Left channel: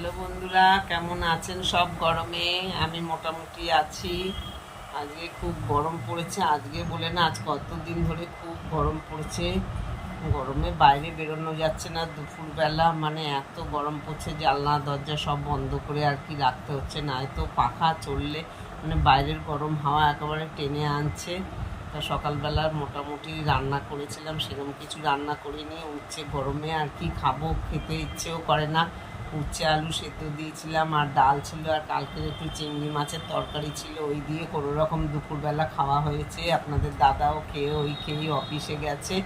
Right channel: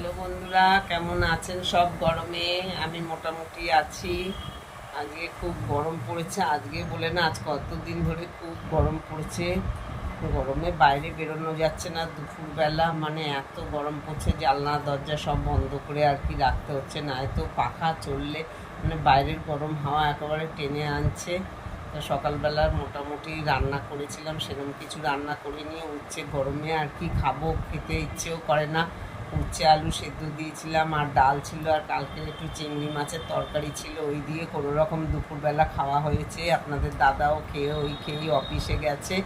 Hello বন্ধুরা, কেমন আছেন সব? গরমে আমি মোটামুটি আছি। আজকে খুব গরম পড়েছে, আজকে বলে না, আজ কতদিন ধরে খুব গরম পড়েছে। গরমে বাইরে বেরোনো যাচ্ছে না, দুপুরবেলা মানে এত গরম পড়ছে, জানলা দরজা সব বন্ধ করে আর কি রাখতে হচ্ছে, না তো পাখা চললে মানে বাইরের গরম হাওয়া একেবারে টেনে আনছে। তা সকালবেলা মোটামুটি রান্না করেছিলাম, সেরকম কিছু রান্না করিনি। উচ্ছে গরমে আর কি খাবো, খেতে ইচ্ছেও করে না। উচ্ছে আলু সেদ্ধ দিয়েছিলাম, আর ডাল ছিল, আর কালকের একটু চিংড়ি মাছের তরকারি ছিল, ওই দিয়ে কোনো রকম দুপুরবেলা খাওয়া হয়েছে। আপনাদের দাদাও খেয়েই অফিসে গেছে।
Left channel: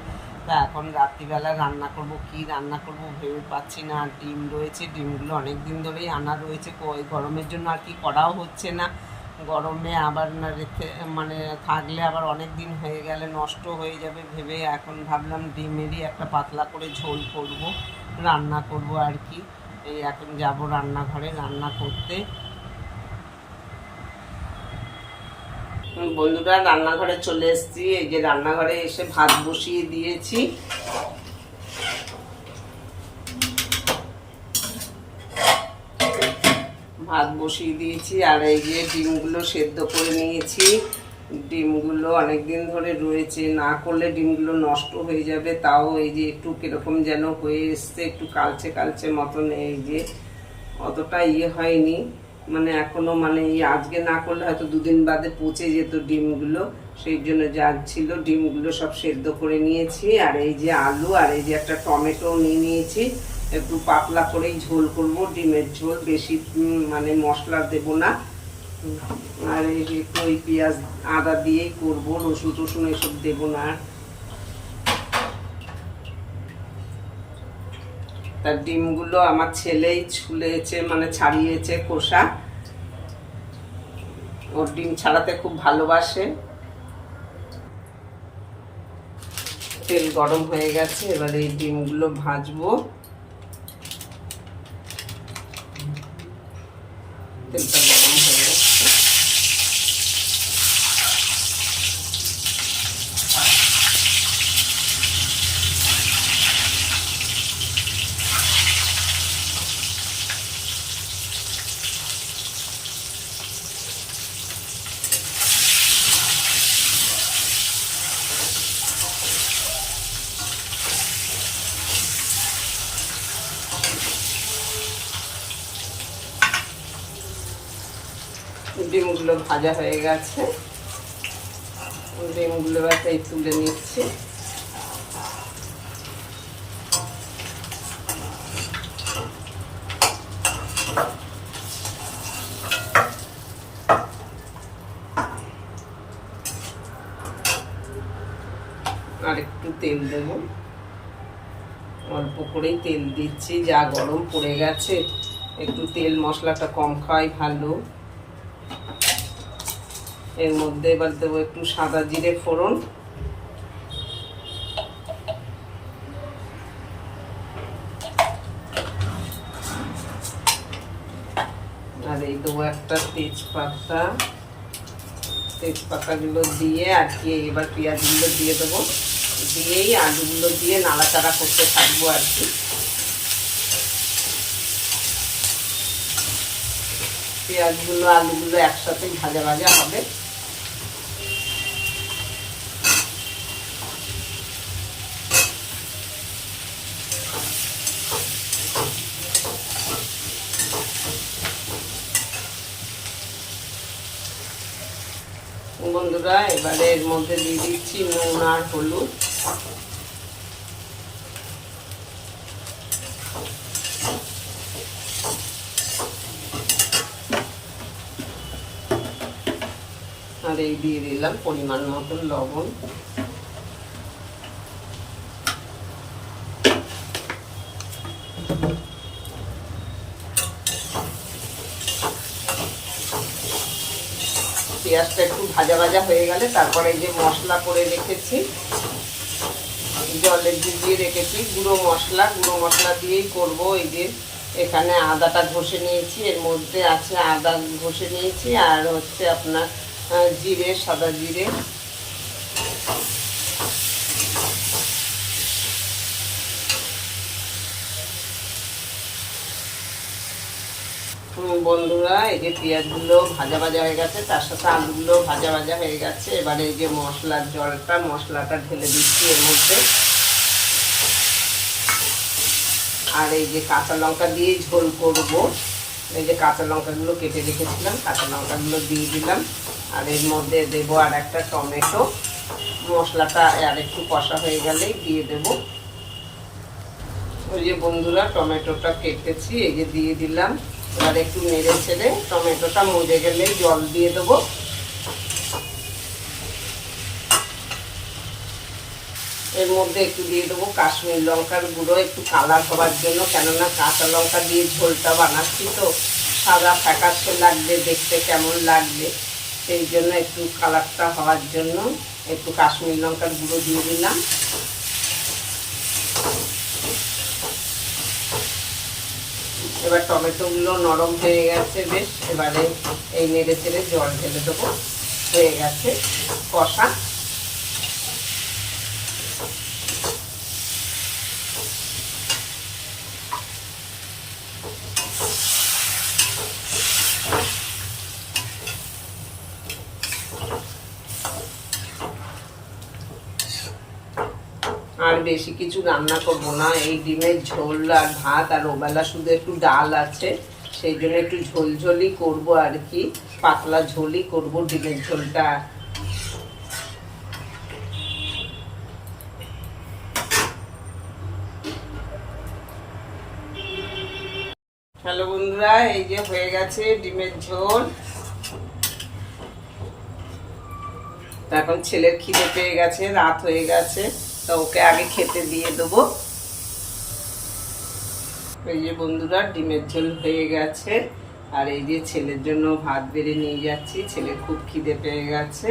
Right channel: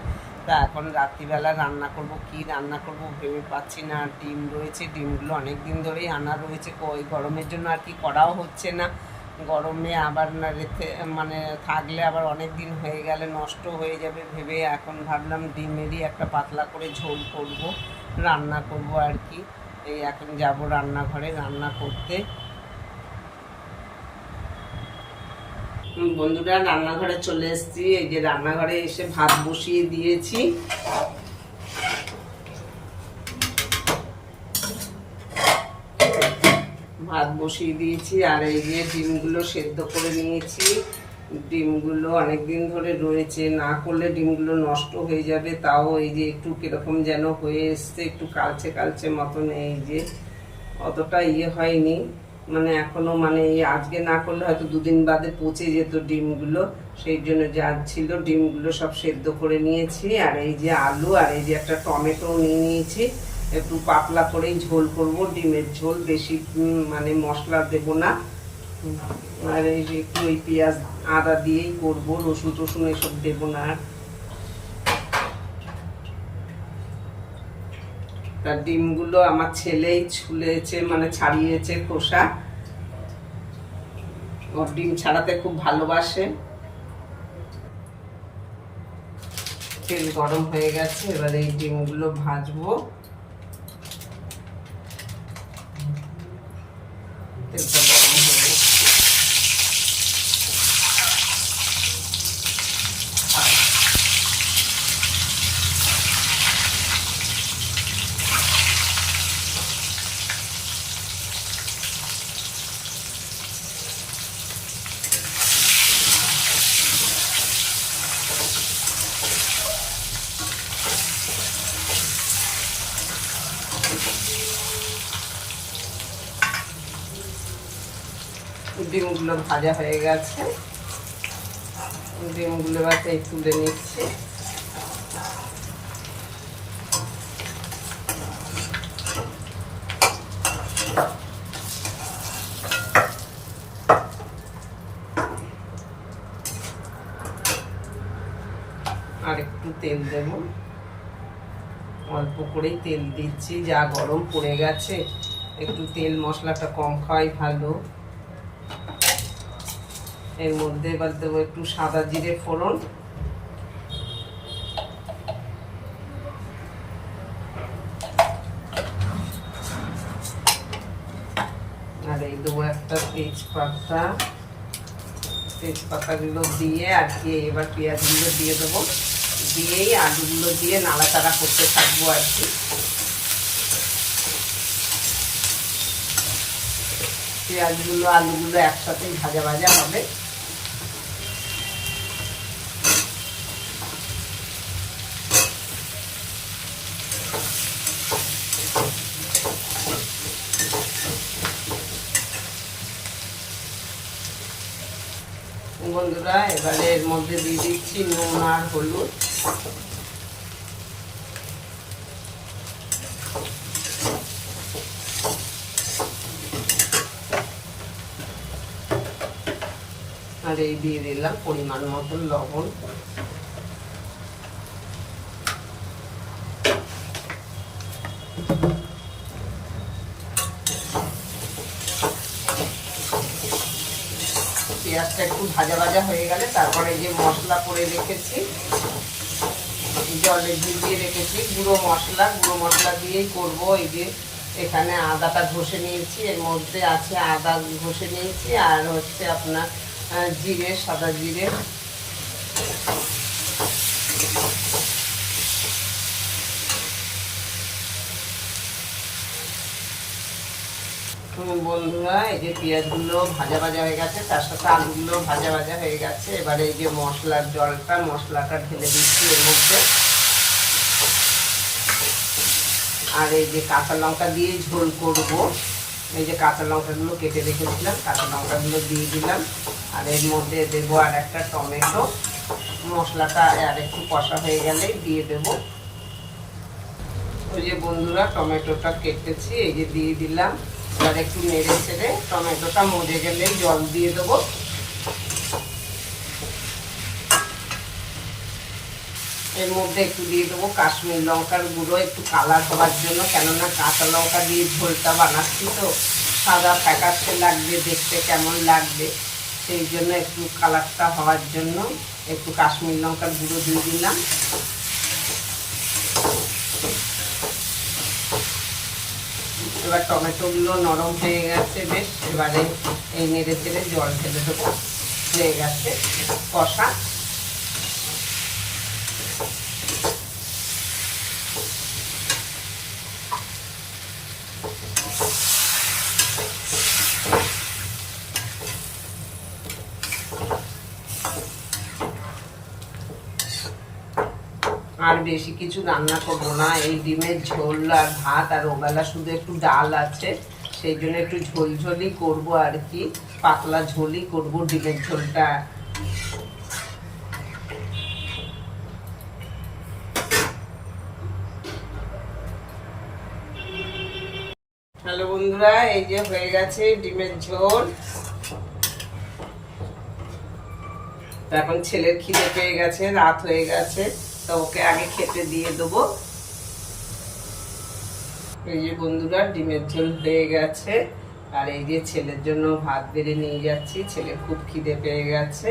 তা এখন রাত্রিবেলা রান্না করব, কি রান্না করব ভেবে পাচ্ছি না। আর ডিম রয়েছে, ডিমগুলো অনেক দিন ধরেই আনা রয়েছে, ওই গরমের জন্য আর কি করাও হচ্ছে না। গরমে আবার না রেখে মানে থাকলে আবার অনেক দিন হয়ে গেলে নষ্ট হয়ে যাবে ভেবে এখন ভাবলাম ডিমেরই একটা পাতলা করে ঝোল করব, রান্না করব আর কি। এই এখন যাব রান্নাঘরে রান্না করতে। বন্ধুরা, রান্নাঘরে চলে এসেছি। এই যে রান্নাঘরে এসে ভাত বসিয়ে দিয়েছি। ভাত বসিয়ে দিয়েছি, আর এই যে ডিমগুলো সেদ্ধ করে নিয়েছি। ডিমগুলো অনেক দিন ধরে রয়েছে, না করলে ডিমগুলো নষ্ট হয়ে যাবে। তাও এই যে একটু কিরকম যেন হয়ে এসছে, একটু কালচে কালচে মতন। এই যে অতটা হয়নি, মানে এখনো মানে এই আজকে না করলে হয়তো দুদিন বাদে পচে যেত ডিমগুলো। সেই জন্য যা ছিল ডিমগুলো সব সেদ্ধ করে নিয়েছি। আর এই যে আলু, আর এই যে একটা টমেটো নিয়ে নিয়েছি। একটু পাতলা করেই ঝোল করব, ডিমের ঝোল, বেশি মানে মশলা দেব না। আর এই যে একটু ওই পেঁয়াজ আদা দিয়েই করব, রসুন টসুন এসব দেবো না। তার ডিমগুলো আমার ছেলেই ছুলেছে, মানে ছাড়িয়েছে খোসা। ওর ডিম ছাড়াতে খুব ভালোবাসে। তেল গরম হয়ে গেছে, এবার এই ডিমগুলো ভাজবো। তেলটা গরম হয়ে গেছে। ডিমগুলো ভাজা হয়ে গেছে, ডিমগুলো এবার তুলে নিচ্ছে। আর একটু তেল দেব, অল্প করেই তেল দিচ্ছি, যা গরম পড়ে গেছে একটু তেল মশলাটা কম খাওয়াই ভালো। এর মধ্যে এবার দেবো একটু সাদা জিরে ফোড়ন, আর এই দেবো একটা তেজপাতা। তেজপাতাগুলো দিয়ে আর কি এবার পেঁয়াজগুলো দিয়ে দেবো, দিয়েই আলুগুলো দিয়ে নাড়াচাড়া করতে থাকবো আর কি। পেঁয়াজগুলো আলুগুলো একসাথে ভাজা ভাজা হবে। বন্ধুরা, এবারে এর মধ্যে দিয়ে দিচ্ছি নুন আর হলুদ। আর এই দিয়ে দিলাম পরিমাণ মতন লবণ। পেঁয়াজটা একটু ভাজা ভাজা হয়ে গেলে তারপরে যে মশলা করে রেখেছি, জলে ভিজিয়ে রেখেছি গুঁড়ো মশলা দিয়েই করবো। এই যে এখানে আদাটা ঘষে নিয়েছি, এর মধ্যে আছে আদা ঘষে নিয়েছি, আর হচ্ছে আপনার জিরে, সাদা জিরে। বন্ধুরা, এই যে পেঁয়াজগুলো ভাজা ভাজা হয়ে গেছে, তার সাথে আলুগুলো ভাজা ভাজা হয়ে গেছে। এবারে এই যে মশলার জলটা, মশলাটা ঢেলে দিচ্ছি এর মধ্যে। আর এই যে কাঁচা লঙ্কা দিয়ে ঝোল করব, এই যে কাঁচা লঙ্কাগুলো কেটে রেখেছিলাম, কাঁচা লঙ্কাগুলো দিয়ে দিলাম। আর এর মধ্যে দেবো আর একটা টমেটো। মশলাটা আর একটু কষা হয়ে গেলে দিয়ে দেব। ওই যে বন্ধুরা, টমেটোটা কেটেছি, এই যে দিয়ে দিলাম। এবার একটু নেড়ে ছেড়ে টমেটোটা মজে গেলে জল দিয়ে দেবো। এর মধ্যে একটু দিয়ে দেবো কাশ্মীর লঙ্কার গুঁড়ো, একটু কালার হওয়ার জন্য। কেননা কাঁচা লঙ্কা দিয়ে ঝোলটা বানাচ্ছি তো, সাদা ফ্যাকাশে লাগবে, দেখতে কেমন লাগবে, সেই জন্য একটু কালারটা হওয়ার জন্য একটু কাশ্মীর লঙ্কার গুঁড়ো দিয়ে দিলাম। এবার টমেটোগুলো নরম হয়ে গেছে বেশ। এবারে এই নেড়ে চেড়ে জল ঢেলে দেবো। হয়ে গেছে কষা। আর বেশি কিছু রান্না করবো না, এই ডিমের ঝোল আর ভাত, আর ওবেলা শুধু একটু ডাল আছে, সেই জন্য একটু ঝোলঝোলই করব আর কি, পাতলা ঝোলই করব ডিমের ঝোলটা। হ্যালো বন্ধুরা, এই যে হয়ে গেছে ডিমের ঝোল। এখন ছেলের খিদে পেয়ে গেছে, রাত হয়ে গেছে, তা ওকে আগে খেতে দিয়ে দেবো। এই যে বন্ধুরা, ডিমের ঝোল হয়ে গেছে। আর এই যে ছেলের জন্য ভাত বেড়ে নিয়ে যাচ্ছি, ছেলে খুব খিদে পেয়ে গেছে।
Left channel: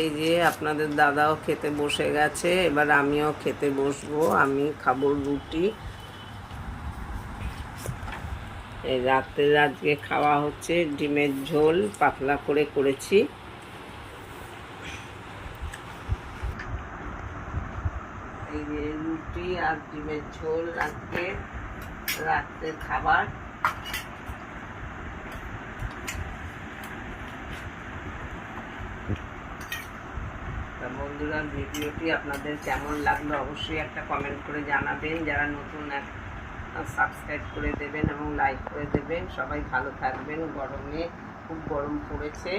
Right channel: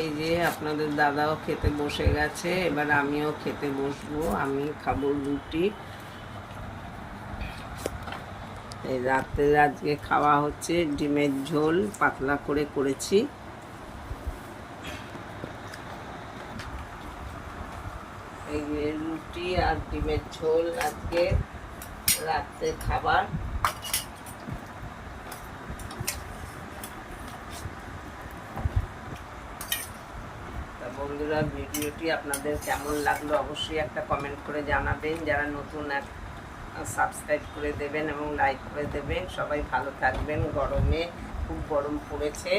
এই যে আপনাদের দাদাও খেতে বসে গেছে, এবার আমিও খেতে বসবো। আমি খাবো রুটি। এই রাতে আজকে খাওয়া হচ্ছে ডিমের ঝোল, পাতলা করে করেছি। এই যে রুটি আর ডিমের ঝোল আজকে রাতের খাবার। বন্ধুরা, ভিডিওটি আপনাদের কেমন লাগলো অবশ্যই একটা কমেন্ট করে জানাবেন। যারা নতুন সাবস্ক্রাইব করে দেবেন এবং লাইক করে দেবেন। সবাই ভালো থাকবেন। গরমে খুব গরম পড়েছে।